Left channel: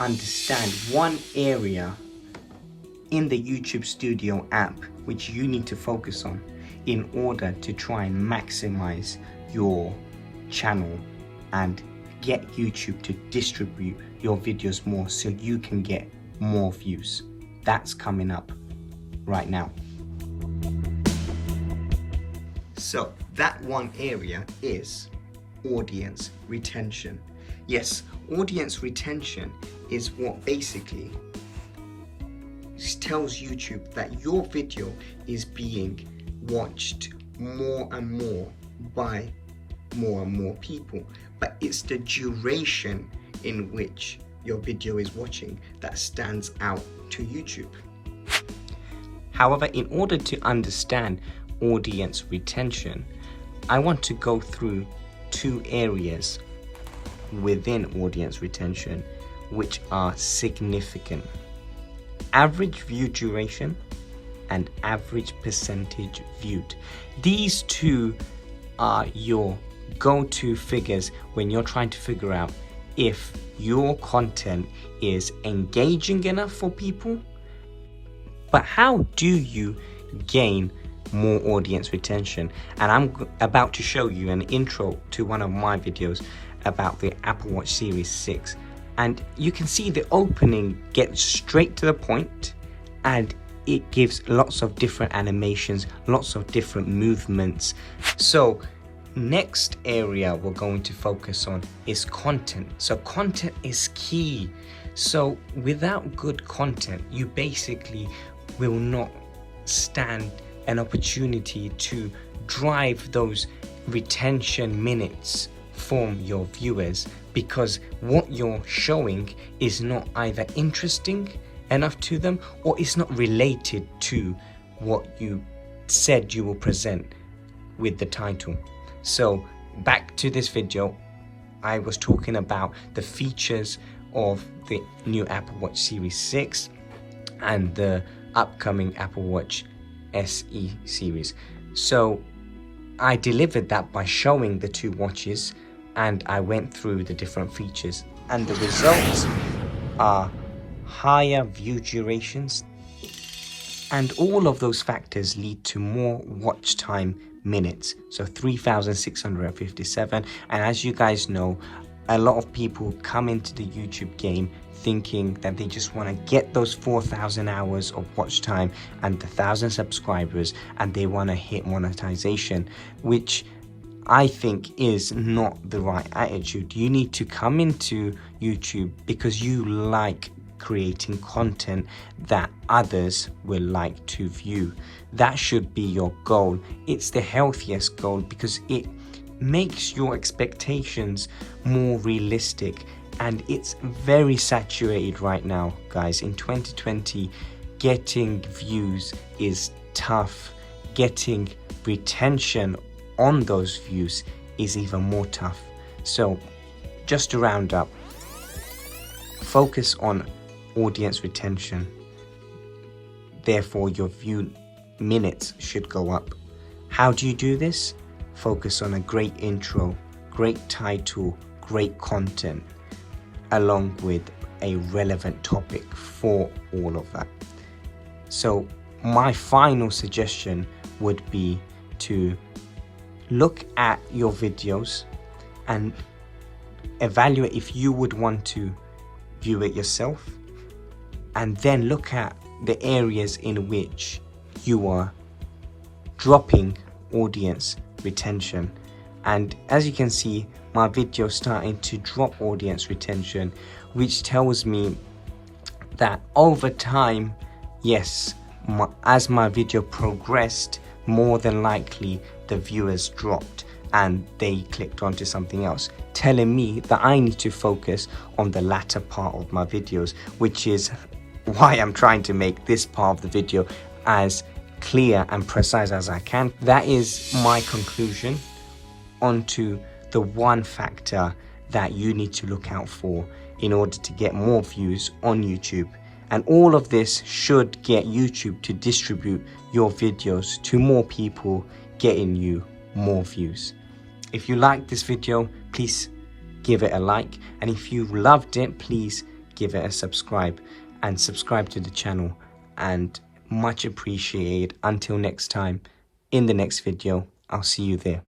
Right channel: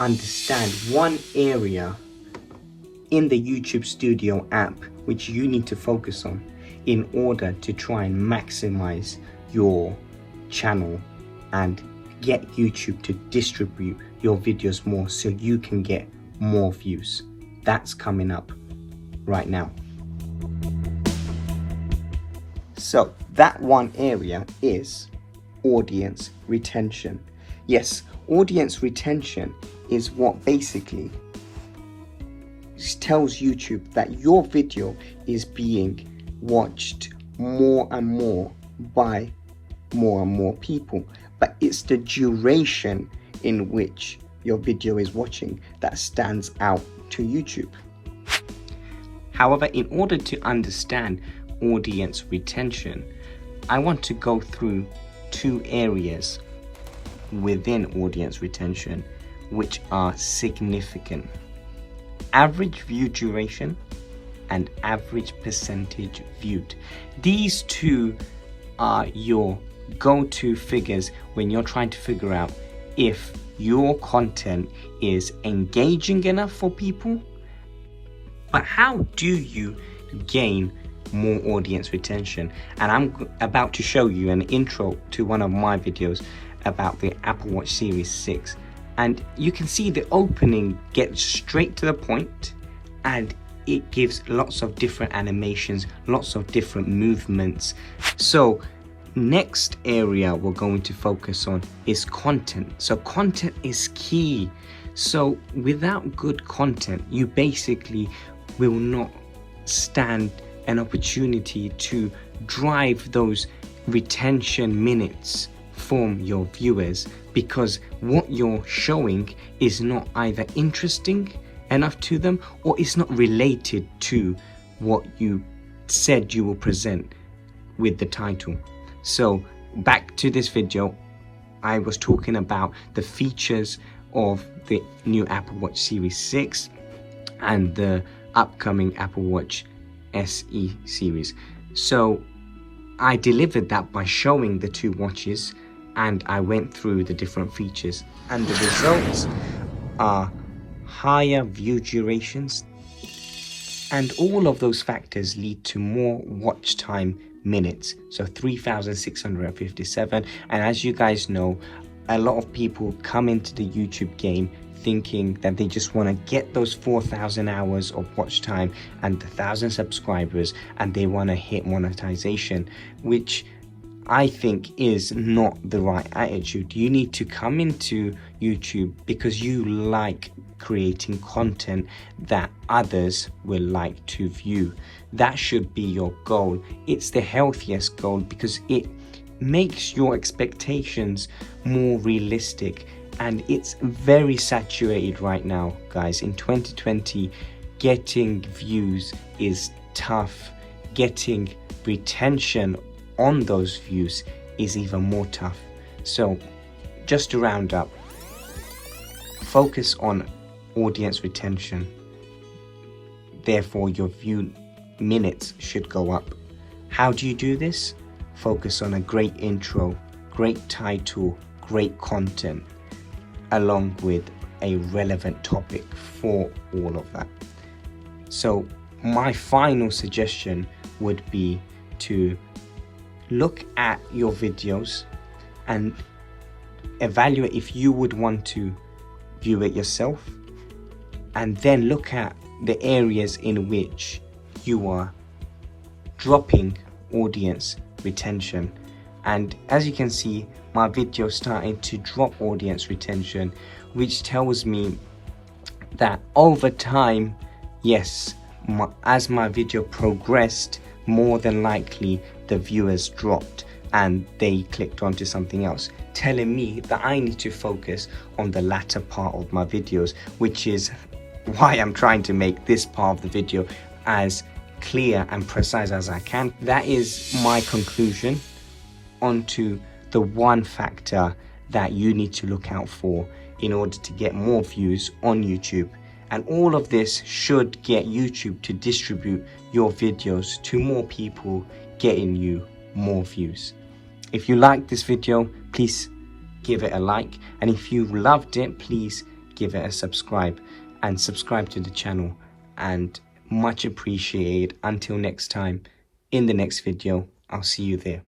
understand one area in the YouTube Studio app which you need to focus on in order to try and maximize your channel and get YouTube to distribute your videos more so you can get more views. That's coming up right now. So that one area is audience retention. Yes, audience retention is what basically tells YouTube that your video is being watched more and more by more and more people, but it's the duration in which your video is watching that stands out to YouTube. However, in order to understand audience retention, I want to go through two areas within audience retention which are significant: average view duration and average percentage viewed. These two are your go-to figures when you're trying to figure out if your content is engaging enough for people. But how do you gain more audience retention? And I'm about to show you an intro to one of my videos about the Apple Watch Series 6. And you can see the opening gets straight to the point, and it gives lots of different animations, lots of different movements. So next area we're going to focus on is content. So content is key. So without good content, you basically will not stand an opportunity to drive those retention minutes from your viewers, because what you're showing is not either interesting enough to them or it's not related to what you said you will present with the title. So back to this video, I was talking about the features of the new Apple Watch Series 6 and the upcoming Apple Watch SE series. So I delivered that by showing the two watches, and I went through the different features, and the results are higher view durations, and all of those factors lead to more watch time minutes, so 3,657. And as you guys know, a lot of people come into the YouTube game thinking that they just want to get those 4,000 hours of watch time and the 1,000 subscribers, and they want to hit monetization, which I think is not the right attitude. You need to come into YouTube because you like creating content that others will like to view. That should be your goal. It's the healthiest goal because it makes your expectations more realistic, and it's very saturated right now, guys. In 2020, getting views is tough. Getting retention on those views is even more tough. So just to round up, focus on audience retention, therefore your view minutes should go up. How do you do this? Focus on a great intro, great title, great content, along with a relevant topic for all of that. So my final suggestion would be to look at your videos and evaluate if you would want to view it yourself, and then look at the areas in which you are dropping audience retention. And as you can see, my video starting to drop audience retention, which tells me that over time, yes, as my video progressed, more than likely the viewers dropped and they clicked onto something else, telling me that I need to focus on the latter part of my videos, which is why I'm trying to make this part of the video as clear and precise as I can. That is my conclusion onto the one factor that you need to look out for in order to get more views on YouTube. And all of this should get YouTube to distribute your videos to more people, getting you more views. If you liked this video, please give it a like. And if you loved it, please give it a subscribe and subscribe to the channel, and much appreciated. Until next time, in the next video, I'll see you there.